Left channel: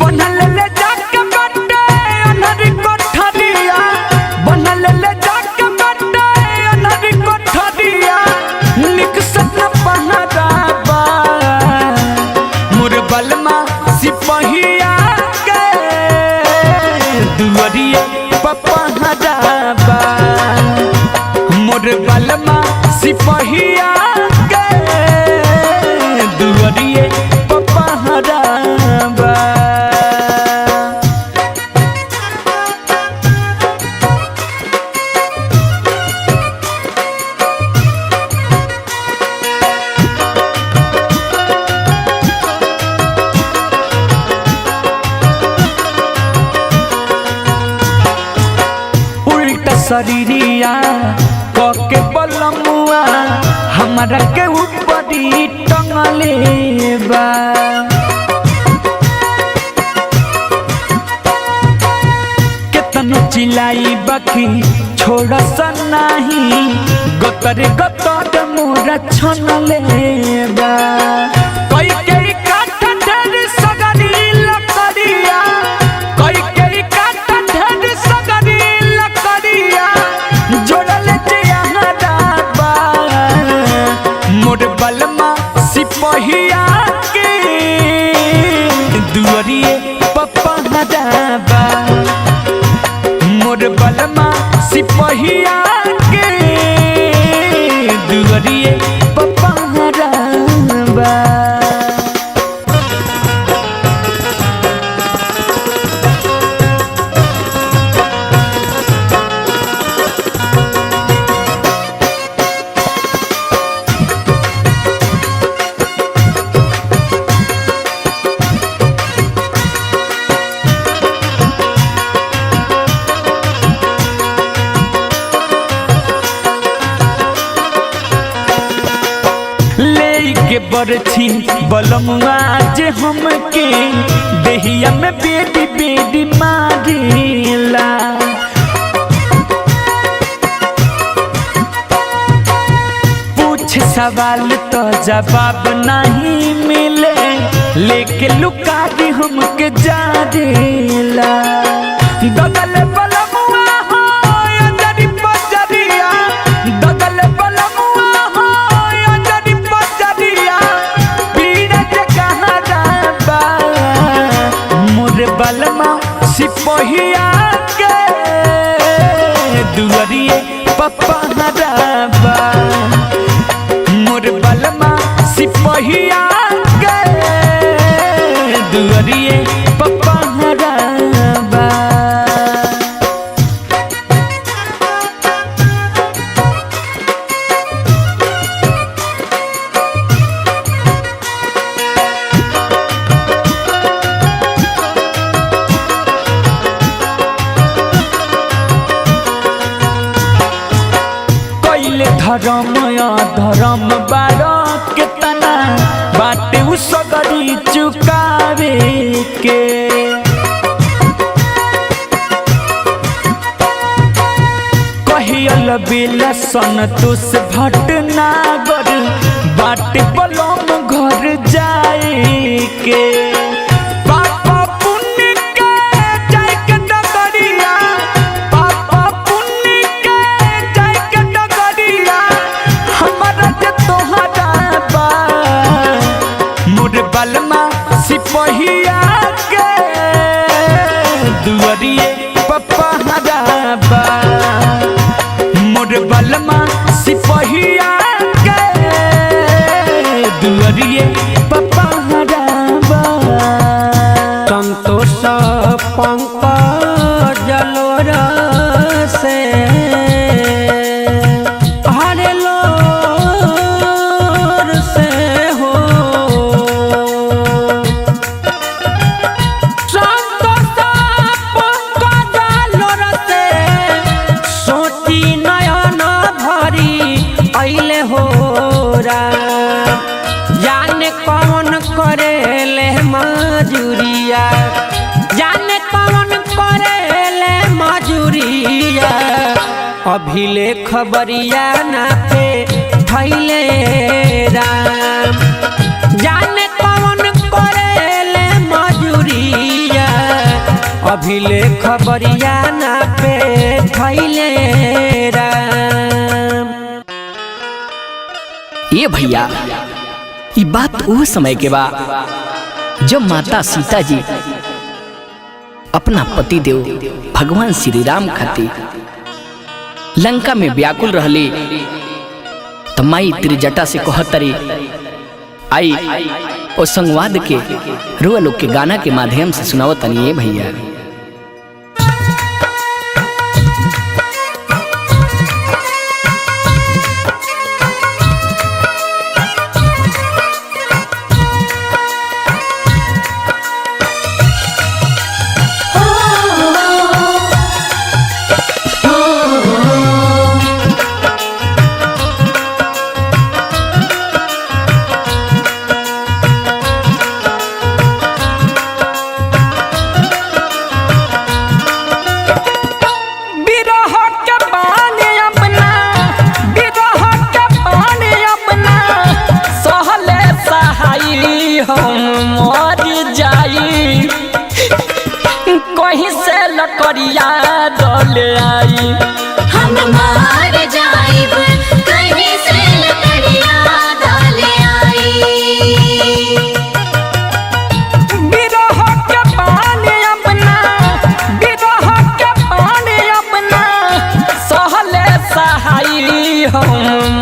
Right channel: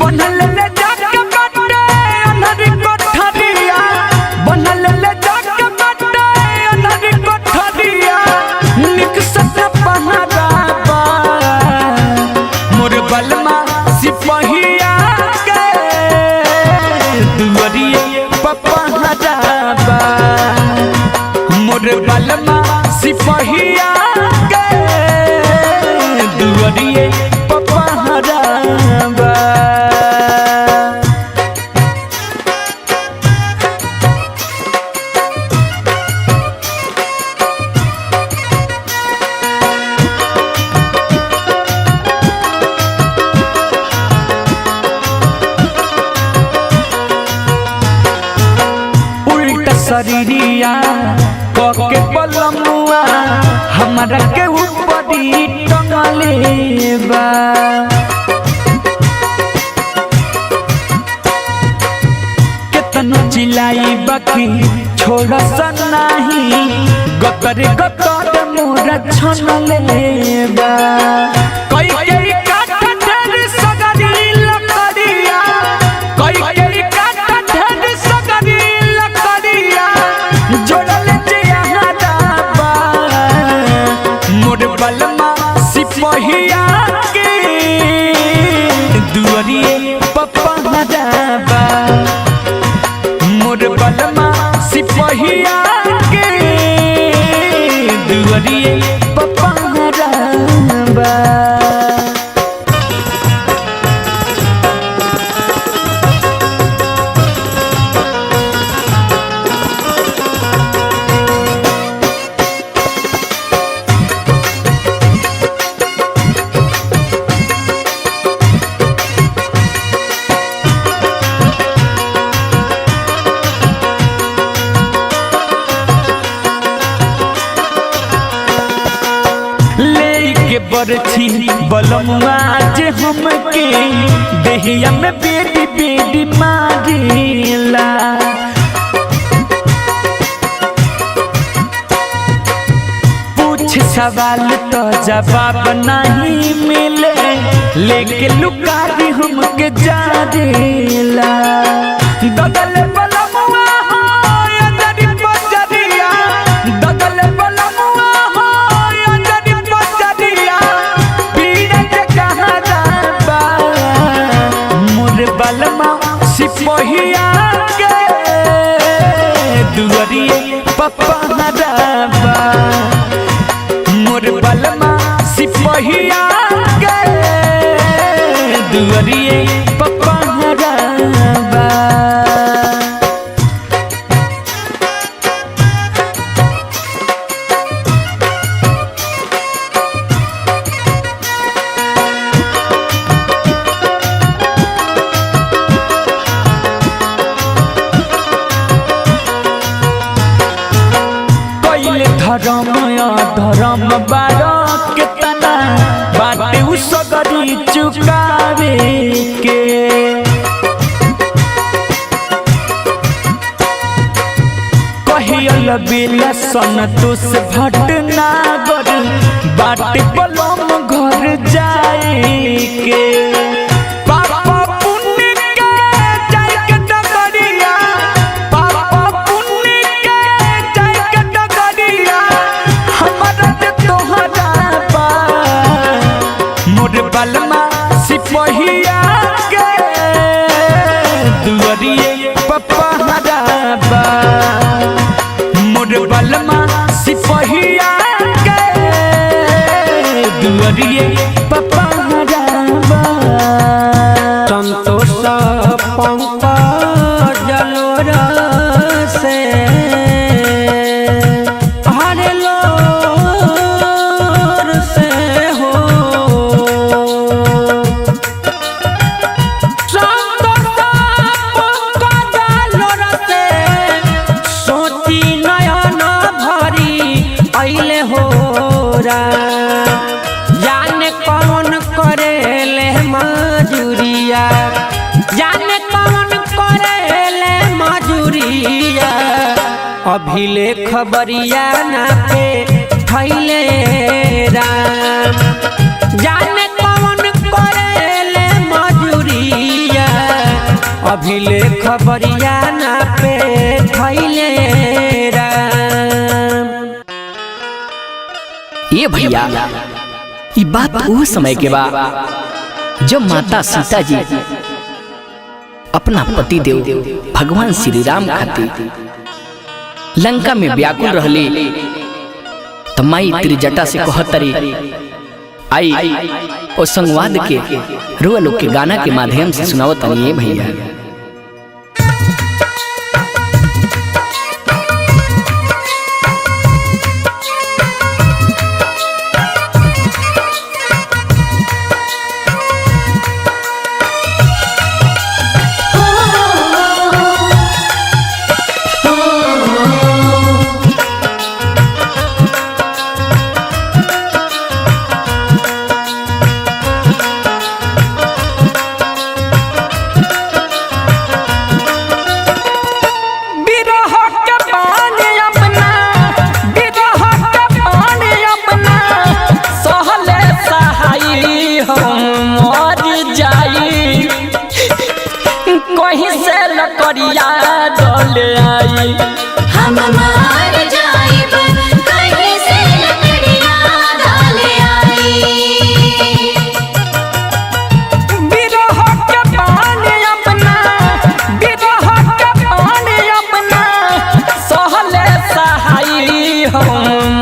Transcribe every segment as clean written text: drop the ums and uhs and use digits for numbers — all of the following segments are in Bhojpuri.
बनल ले जाके बटे अनहरी कोठरिया, बनल ले जाके बटे अनहरी कोठरिया, निकसत न पहराबा मोर बलमा सिपहिया के दुअरिए पपहराबा मोर बलमा सिपहिया के दुअरिए पपहराबा। शरीरिया कके बलमुआ हमारा के ऊपरी टंगले बा, केतनो चिल्लाई बाकी छोड़ सनाही गतर गतर मोरा छनले बा। कई कई काठ ढेर सगरी लकड़िया, कई कई काठ ढेर सगरी जोड़ल जहराबा मोर बलमा सिपहिया के दुअरिए पपहराबा मोर बलमा सिपहिया के दुअरिए पपहराबा। के बरछी बलमुआ जे हमके देहिया में बेटी बेटी मारेला, पूछ सवाल तो जवाब नहीं मिले, लेके लुकारी हमके जारेला। दगल बलमुआ हो अंजरी पजरिया, दगल बलमुआ बलमा सिपहिया के दुअरिए पपहराबा मोर बलमा सिपहिया के दुअरिए पपहराबा। धर्म धर्म बारा केतना बाटे उ सगरी चुकावे के, कहियल बेला संतोष भटनागर बाटे बलम घर जाए के। पापा पुण्य के जाए के डगरिया, पापा पुण्य के जाए के डगरिया, हमारा जे तोहरा बा मोर बलमा सिपहिया के दुअरिए पपहराबा मोर बलमा सिपहिया के दुअरिए पपहराबा। संतोष पंकज जलोर से हरे लोर से हो, संतोष पंकज जलोर राम। जाने कौन करेले मजूरिया, जाने कौन करेले मजूरिया, अभिले खबरिया ना पे थैले राम। जाने कौन करेले मजूरिया, अभिले खबरिया ना पे थैले राम। ये भैया ये बात वो समय के बा जब माता सीता जी अपना पति देव भगवान श्री राम खातिर लंका में व्याकुल रहली, तो माई त्रिजटा से कहतरी आई और संवाद के रुआ लोग के गाना के माध्यम से सुनाओ तनी। ये भैया कहीं से लकड़िया डोले आई, हम मार जाइब कहीं से लकड़िया डोले आई। बिरह के पानी अपना, बिरह के पानी अपना सहले सहाई हम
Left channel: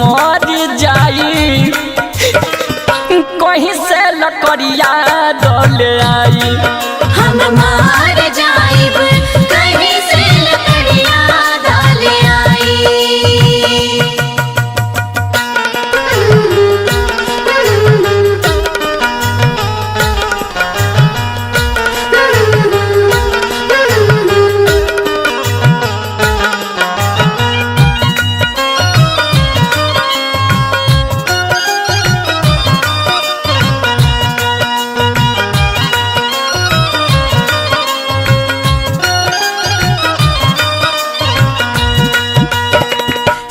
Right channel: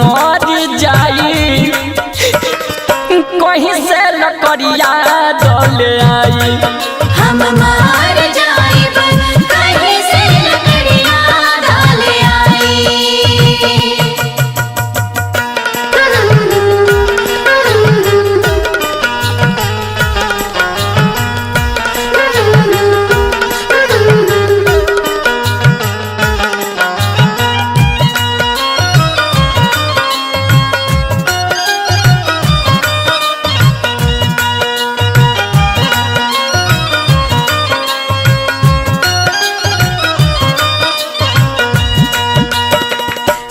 मर जाई, कहीं से लकड़िया डोले आई। हम मार जाइब कहीं से लकड़िया डोले आई।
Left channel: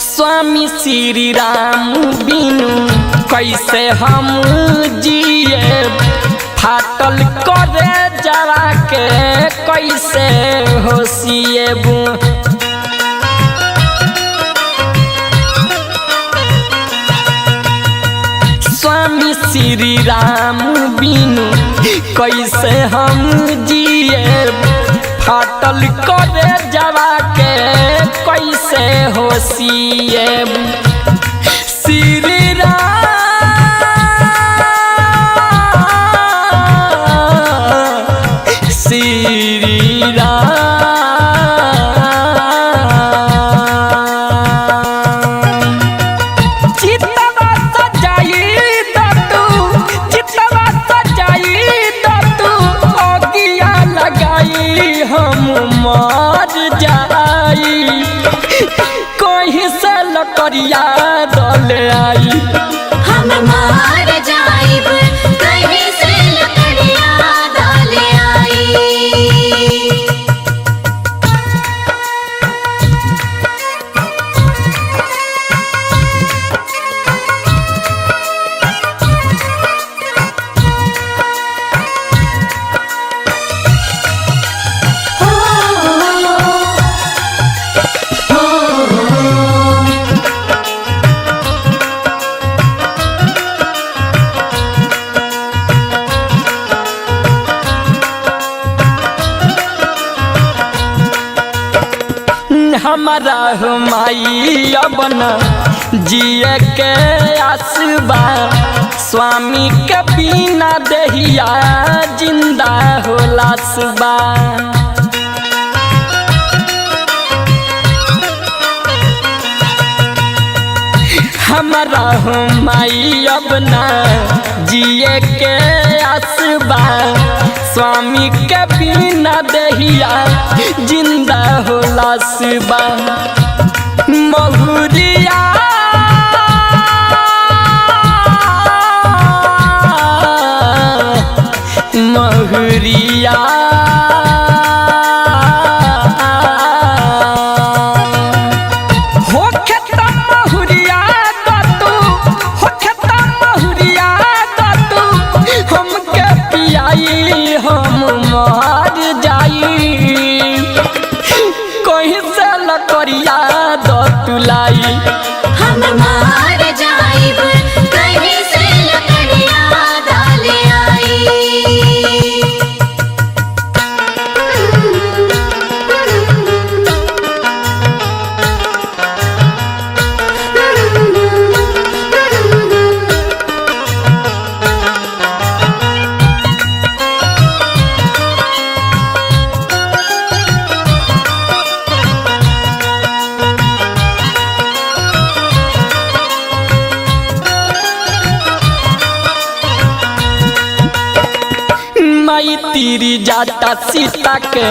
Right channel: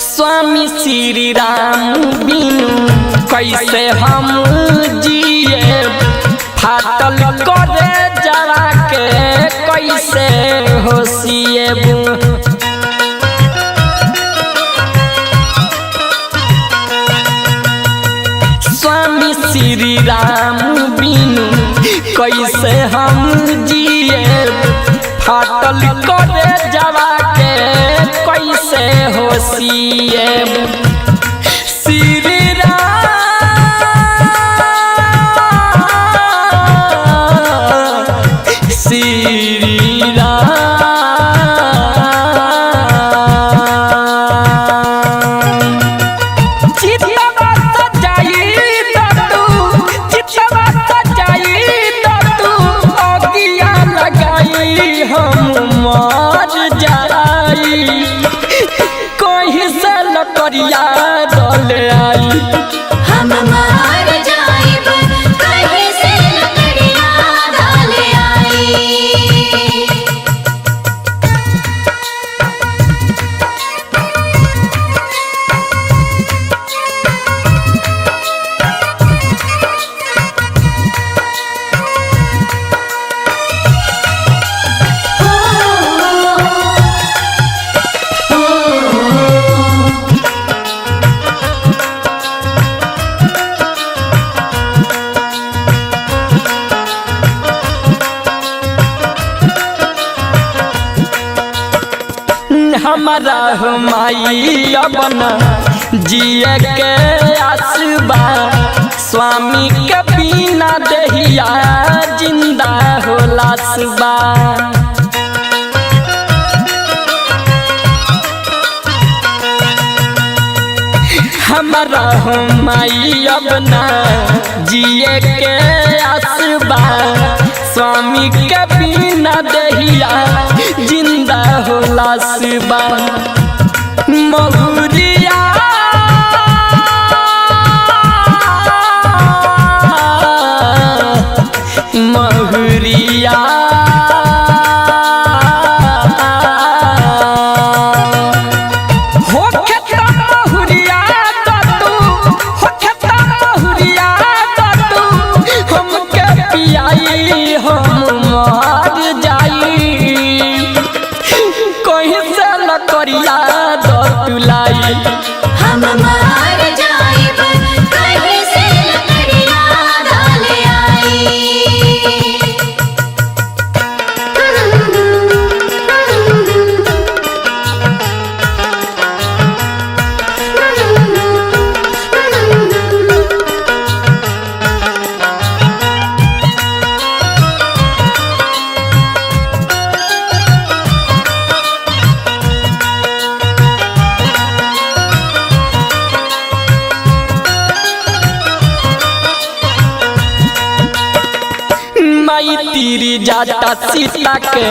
स्वामी श्री राम बिनु कैसे हम जिए, फाटल करे जरा के कैसे होशिएबू। स्वामी श्री राम बिनु कैसे हम जिए, फाटल करे जवा के कैसे होशिएबू। श्री राम, श्री राम, चितवा सजाई दतू, चितवा सजाई दतू, अगिया लगाई हम मर जाई, कहीं से लकड़िया डोले आई। हम मार जाइब कहीं से लकड़िया डोले आई। हमारा माई अपना जिए के आसबा, स्वामी के बिना देहिया जिंदा होला सुबा। हमारा माई अपना जिए के आसबा, स्वामी के बिना देहिया जिंदा होला सुबा। महुरिया महुरिया होखे त महुरिया दतू होखे त महुरिया दतू हमके पियाई हम मर जाई कहीं से लकड़िया दतुलाई हम मार जाइब कहीं से लकड़ियाँ डाले माई तीरी जाता सीता के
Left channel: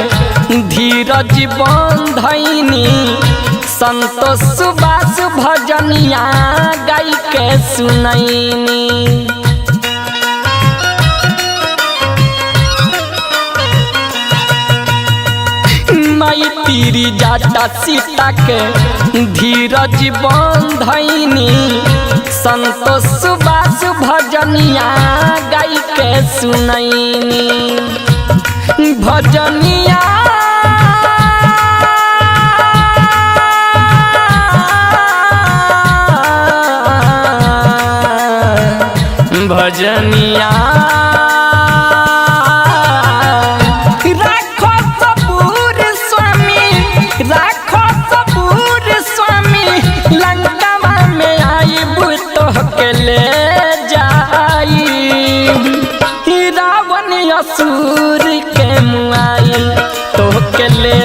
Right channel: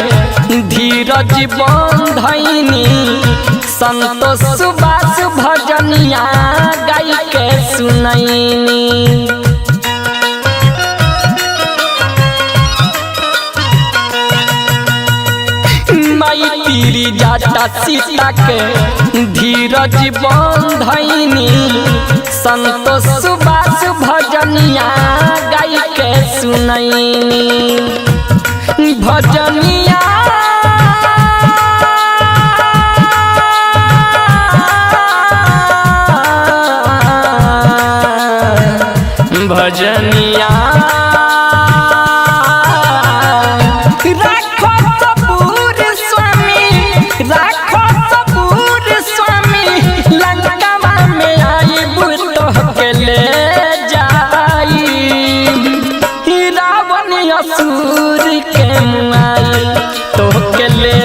धीरज बंधनी संतोष सुबास भजनिया गाई के सुनैनी माई तीरी जाता सीता के धीरज बंधनी संतोष सुबास भजनिया गाई के सुनैनी भजनिया भजनिया राखो सबूर स्वामी राखो सबूर स्वामी लंकावा में आईब तोहके ले जाई रावण असुर के मुआई तोहके ले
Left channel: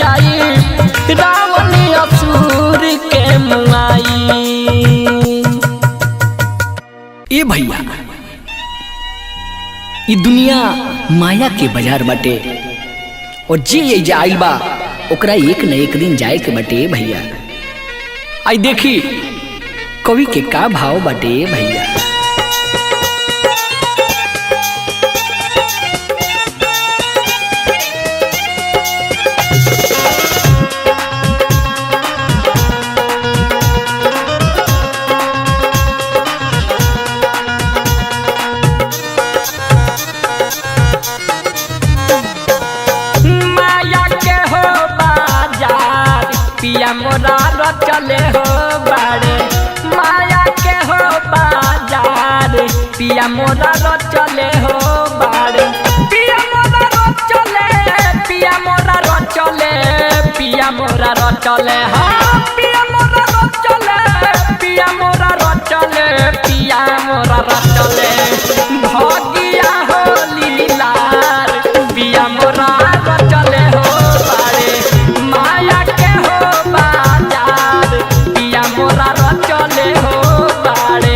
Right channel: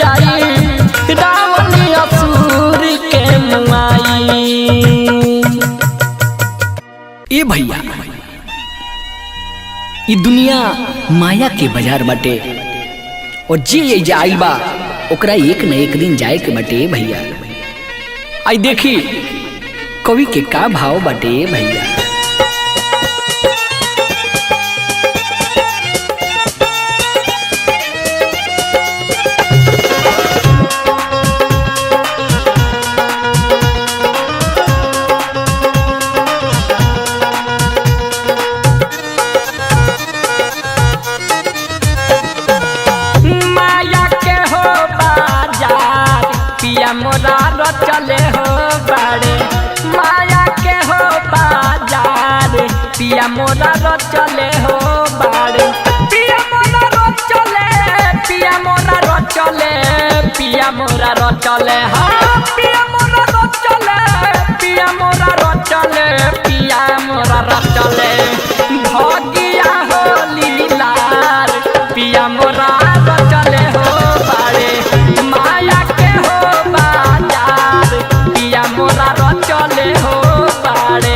जाई रावण असुर के मुआई। ए भैया ई दुनिया माया के बाजार बाटे और जे जे आइल बा ओकरा एक न एक दिन जाए के बाटे भैया। आई देखी कवि के का भाव बाटे भैया। पिया मोरा रचले हो बाड़े माया के हो बाजार पिया मोरा रचले हो बाड़े पिया मोरा रचले पिया मोरा रचले पिया मोरा रचले हाँ पिया मोरा रचले पिया मोरा रचले पिया मोरा रचले भगिया हो लीलार पिया मोरा रचले हो बाड़े माया के हो बाजार पिया मोरा रचले हो बाड़े।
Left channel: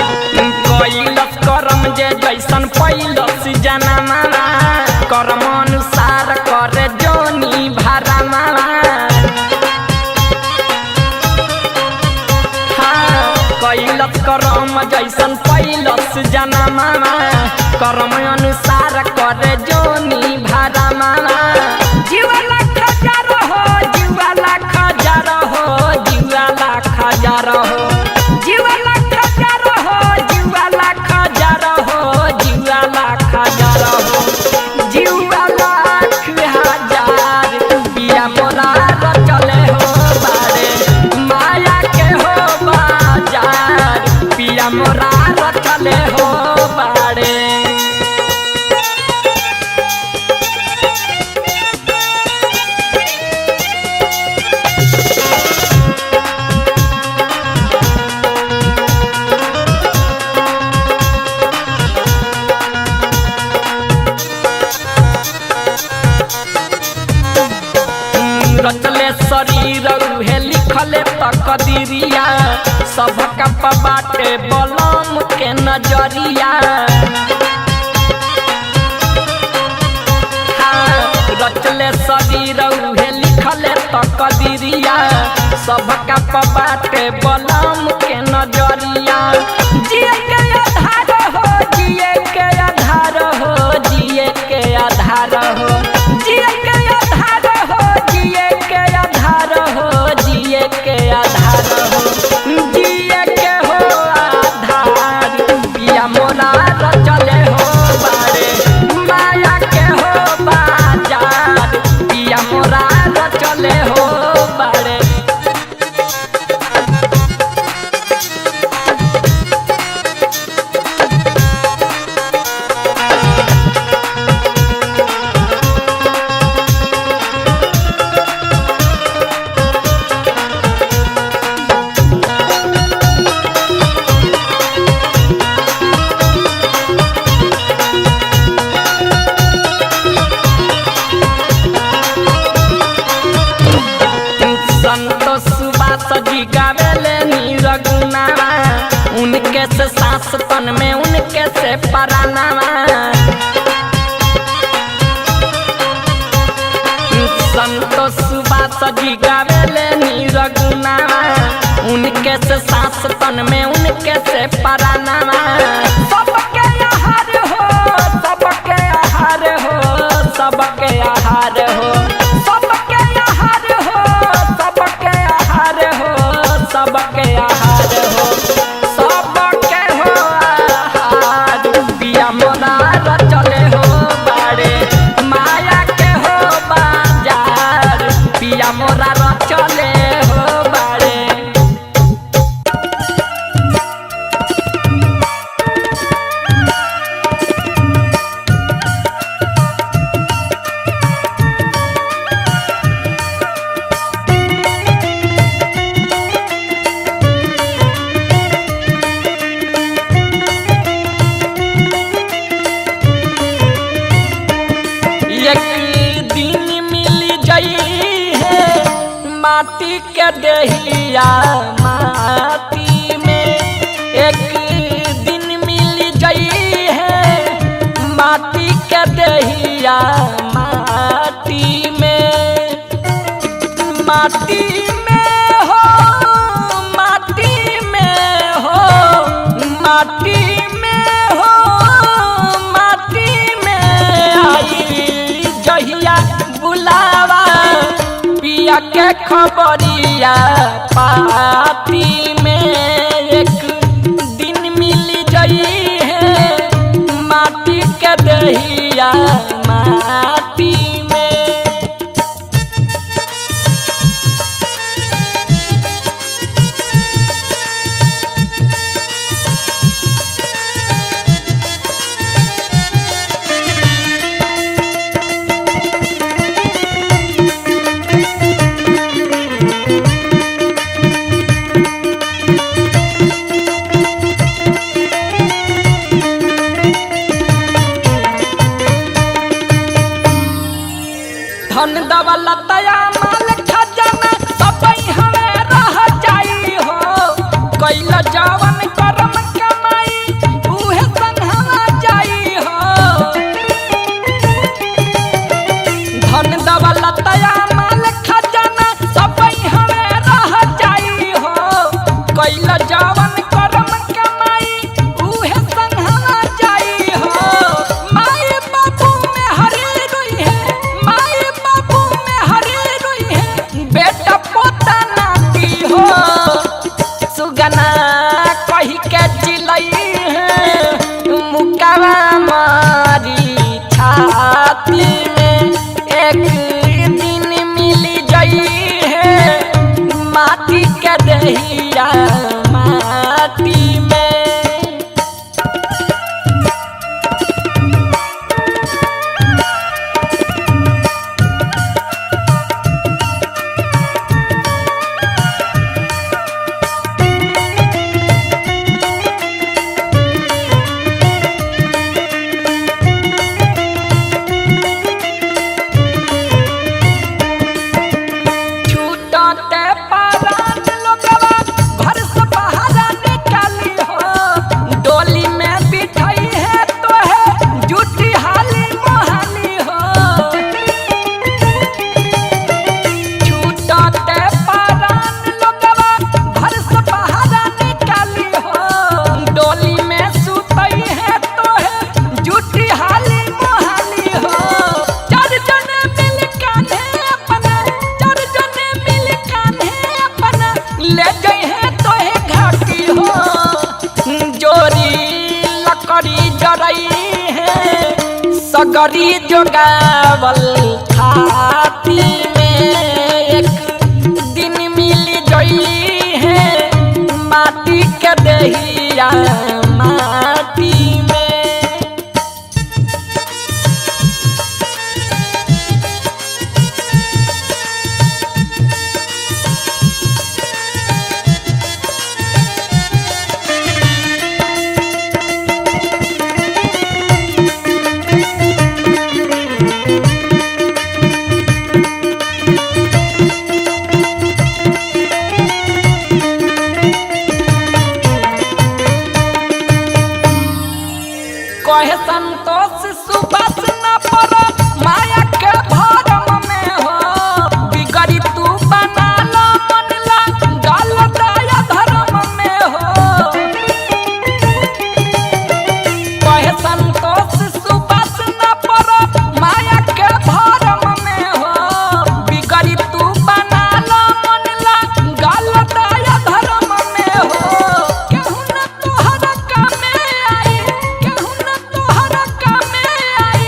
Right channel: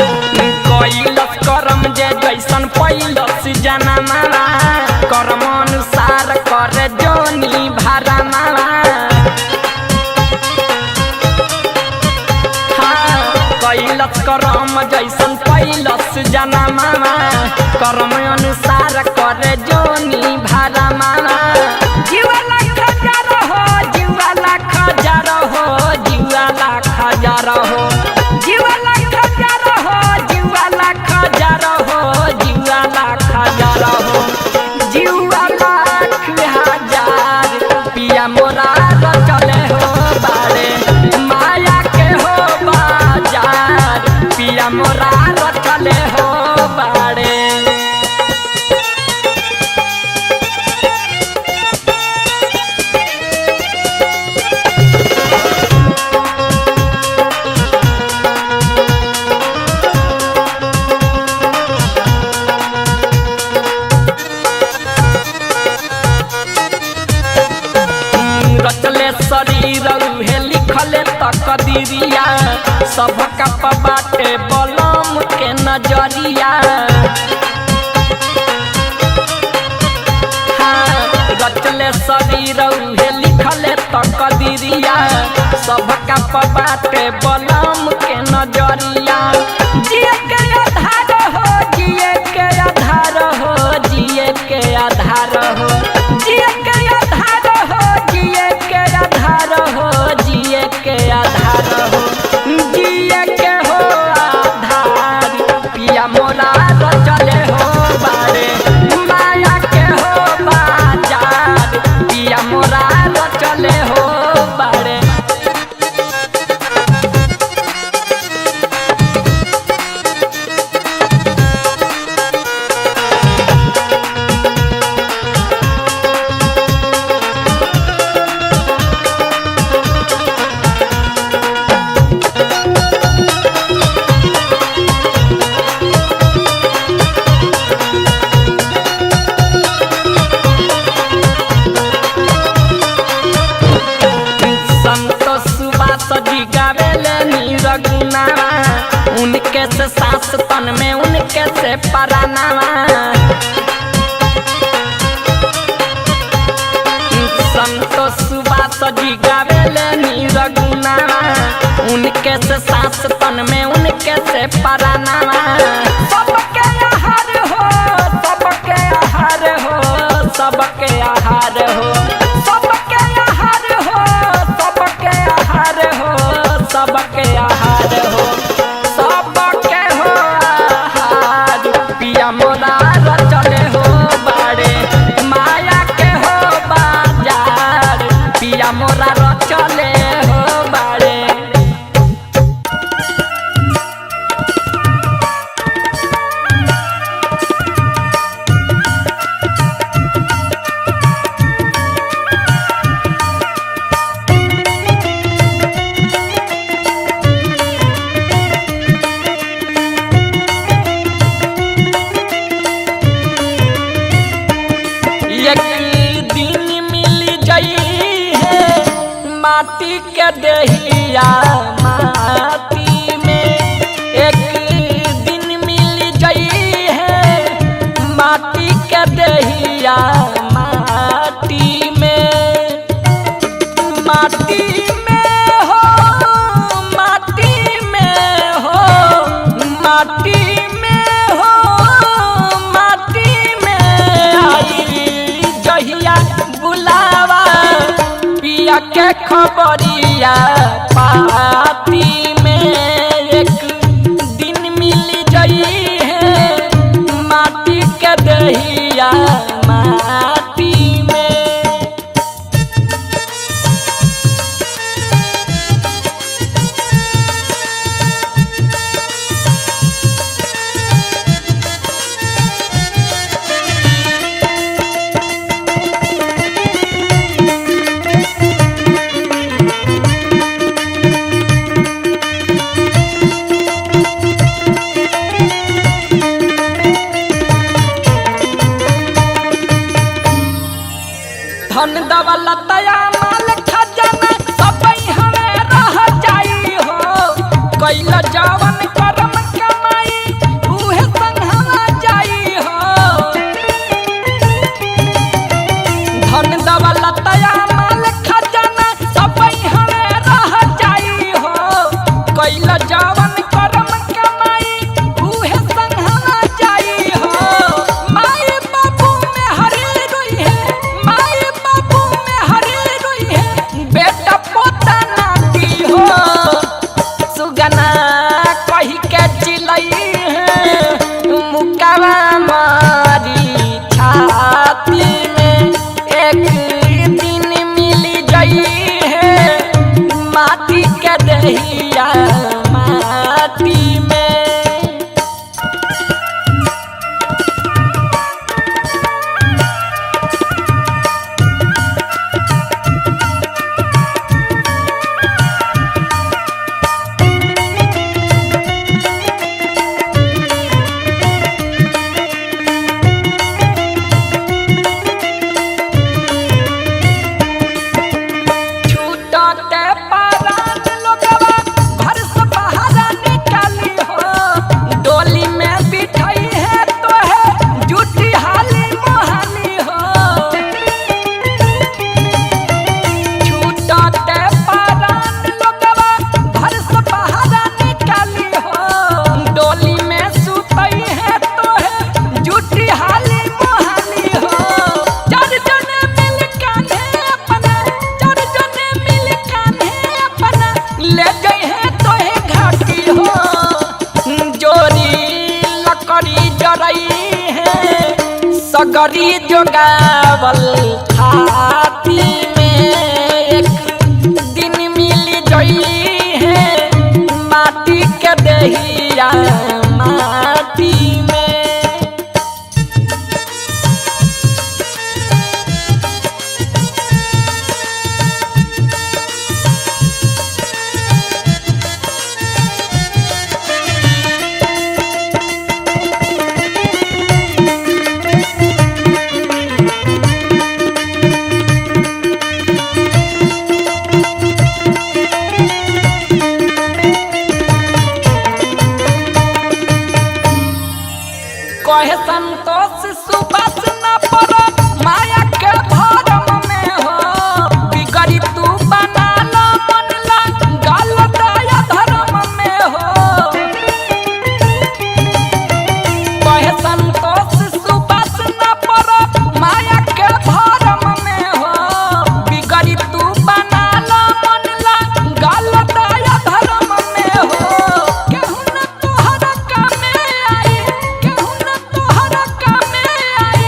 कैलस करम जे जैसन पैलस जनमा कर्म अनुसार करे जोनी भारा मावा हाँ कैलस करम जैसन पैलस जनमा कर्म अनुसार करे जोनी भारा मावा जीवा लाख हजार हो जीवा लाख हजार हो जीवा लाख हजार हो जीवा लाख हजार हो जीवा लाख हजार हो जीवा लाख हजार हो जीवा लाख हजार पिया मोरा रचले हो बाड़े माया के हो बाजार पिया मोरा रचले हो बाड़े। रचले शरीर उहे लिखले तकदीरिया सबका बाटे बलम के नजरिया रचले शरीर उहे लिखले तकदीरिया सबका बाटे बलम के नजरिया जिए के आधार हो जिए के आधार हो जिए के आधार हो जिए के आधार हो जिए के आधार हो जिए के आधार हो जिए के हो आधार पिया मोरा रचले हो बारे माया के हो बाजार पिया मोरा रचले हो बारे संतोष सुबास जी गावेले नीरगुनावा उनके से सांस तन में उनके से परानावा संतोष सुबास जी गावेले नीरगुनावा उनके से सांस तन में उनके से परानावा सबके आहार हो सबके आहार हो सबके आहार हो सबके आहार हो सबके आहार हो सबके आहार हो सबके हो आहार पिया मोरा रचले हो बारे माया के हो बाजार पिया मोरा रचले हो बारे एक दिन मिल जाई है माटी के दहिया माटी में एक दिन मिल जाई है माटी के दहिया माटी में माटी में हो माटी में हो माटी में हो माटी में आई जहिया बुलावा पिया के खबरिया पाती में एक दिन मिल जाई है माटी के दहिया माटी में धन दौलतया माल खजाना सब हमें रह जाई हो कैल जवन करम कमाई उहे संगवा जाई हो धन दौलतया माल खजाना सब हमें रह जाई हो कैल जवन करम कमाई उहे संगवा जाई हो माई बाबू में हरी रोई है माई बाबू में हरी रोई है बेटा पोता नाती हो सुगना कही के चिलई है मुकावा मारी छाती में एक दिन मिल जाई है माटी के दहिया माटी में सगरी जोगावल थाती में एक दिन मिल जई है माटी के दहिया माटी में। कहे संतोष सुबस न पड़ो माया के भरम में हो बिगड़ी तू बना लो मन ला गल दया धर्म में हो। कहे संतोष सुबस न पड़ो माया के भरम में हो बिगड़ी तू बना लो मन ला गल दया धर्म में हो। केहू न तोहरा कामे आई केहू न तोहरा कामे आई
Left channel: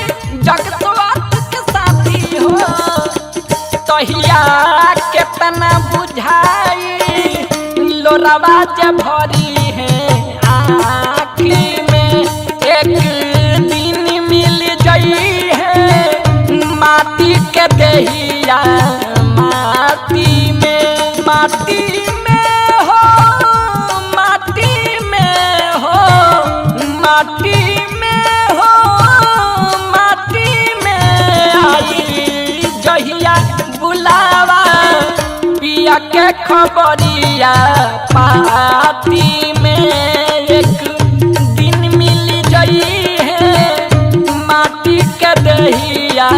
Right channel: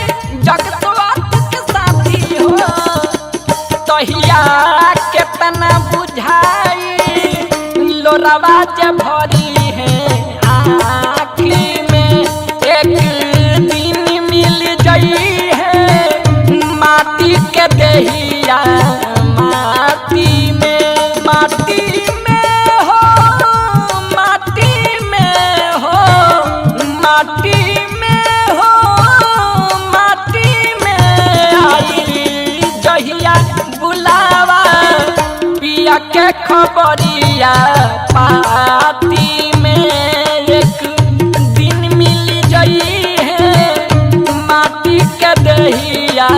जगतवात के साथी हो। तहिया केतना बुझाई लोरावा जे भरी है आँखी में एक दिन मिल जई है माटी के दहिया माटी में। माटी में हो माटी में हो माटी में हो माटी में आई जहिया बुलावा पिया के खबरिया पाती में एक दिन मिल जई है माटी के दहिया